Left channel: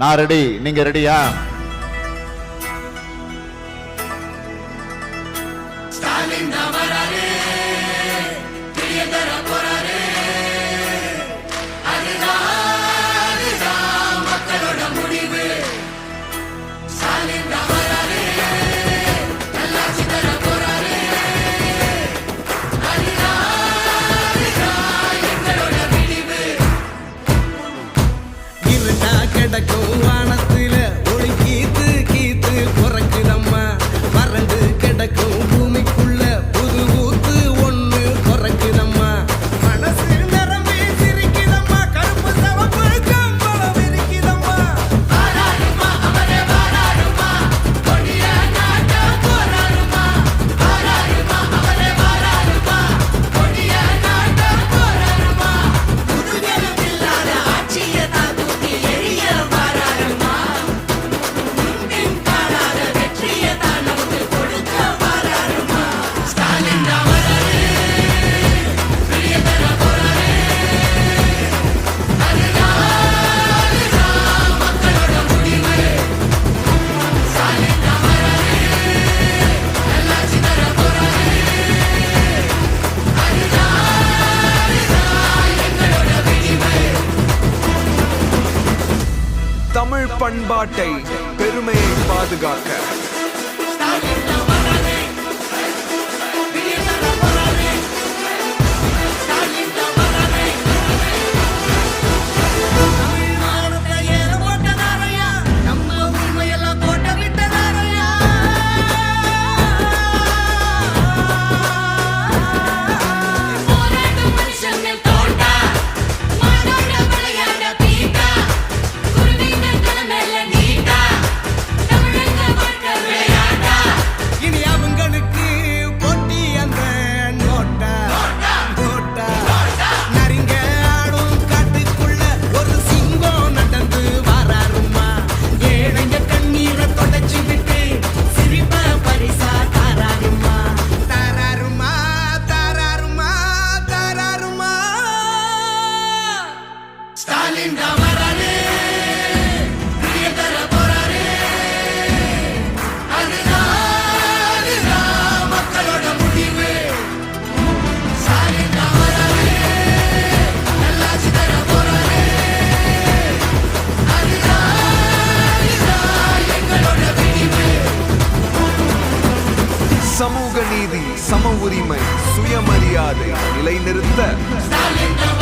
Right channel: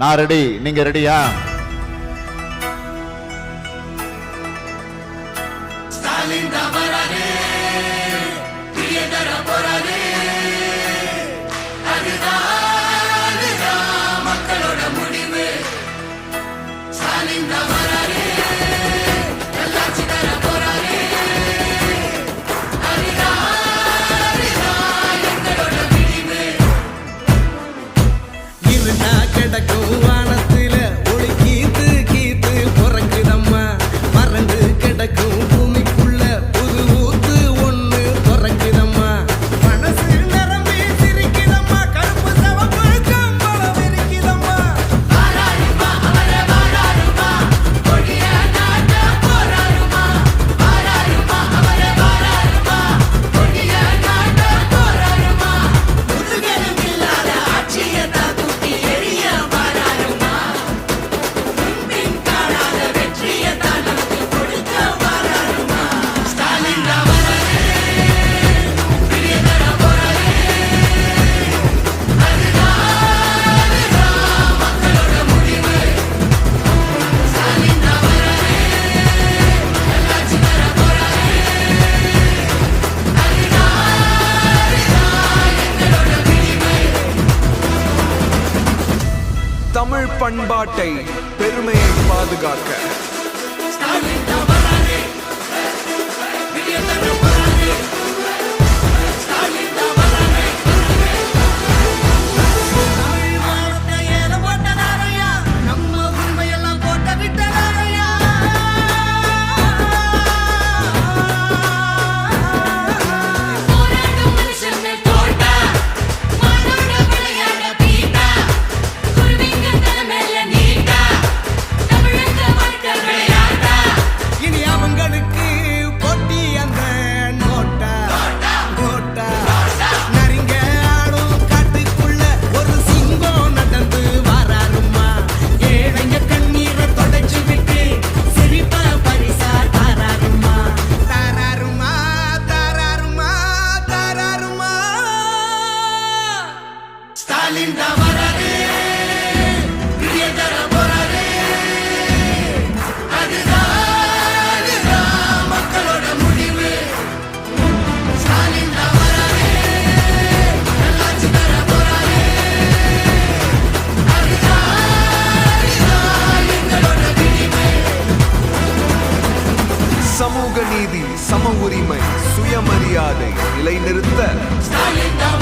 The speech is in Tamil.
நான் ரெடி, நீங்க ரெடியா? இருட்டா கிடக்கும் வானத்துல ஒளி கீத்து கீத்து பிறக்குதம்மா. வறண்டு கிடக்கும் பூமிக்குள்ள புது ஊத்து ஒண்ணு பிறக்குதம்மா. மனசு நிரம்பி சிரிக்குதம்மா. கருப்பு சவப்பு கம்பளம் இருக்குதம்மா. வாராருமா அவரே வாராருமா, கொடிய நாட்ட போராருமா. வாராருமா அவரே வாராருமா, கொடிய நாட்ட போராருமா. புதுகெலும் இல்லாத ஆட்சியை தாக்குத்தி எரிய வாராருமா. முன்பின் காணாத வெற்றியை தான் நமக்கு கொடுக்க வாராருமா. ஸ்டாலின் தான் வராரு, வெளிய தர போறாரு. அதுதான் மக்களோட முடிவு. ஸ்டாலின் தான் வராரு, நல்லாட்சி தர போறாரு. அதுதான் எங்களோட விடிவு. தமிழ் பண்பாட்டை பெருமையை பாதுகாக்க தமிழ் மானத்தை ஏலம் போட்டதாரையா, நம்ம உரிமையெல்லாம் போட்ட விட்டதாரையா. போராட்டம் மனுஷங்கள் தோட்டா, மாடோட விளையாட பீட்டா, குருவிங்க தலைமையில நீட்டா, தமிழங்க வாழ்க்கை விளையாட்டா. இனி அவங்களுக்கு போட்டி அந்த நோட்டா நோட்டா. நரிங்க ஆடும் காட்டுக்குள்ள ஒரு சிங்கம் நடந்து வாராருமா. ஏழைங்க கண்ணீரை தொடச்சு விட்டு சிரிப்ப பரிசா தாராருமா. தாராருமா தாராருமா தாராருமா. ஸ்டாலின் தான் வராரு, வெளிய தர போறாரு. அதுதான் மக்களோட முடிவு. ஸ்டாலின் தான் வராரு, நல்லாட்சி தர போறாரு. அதுதான் எங்களோட விடிவு. சமூக நீதி, சம உரிமை, சுயமரியாதை நிலைநிறுத்த ஸ்டாலின் தான்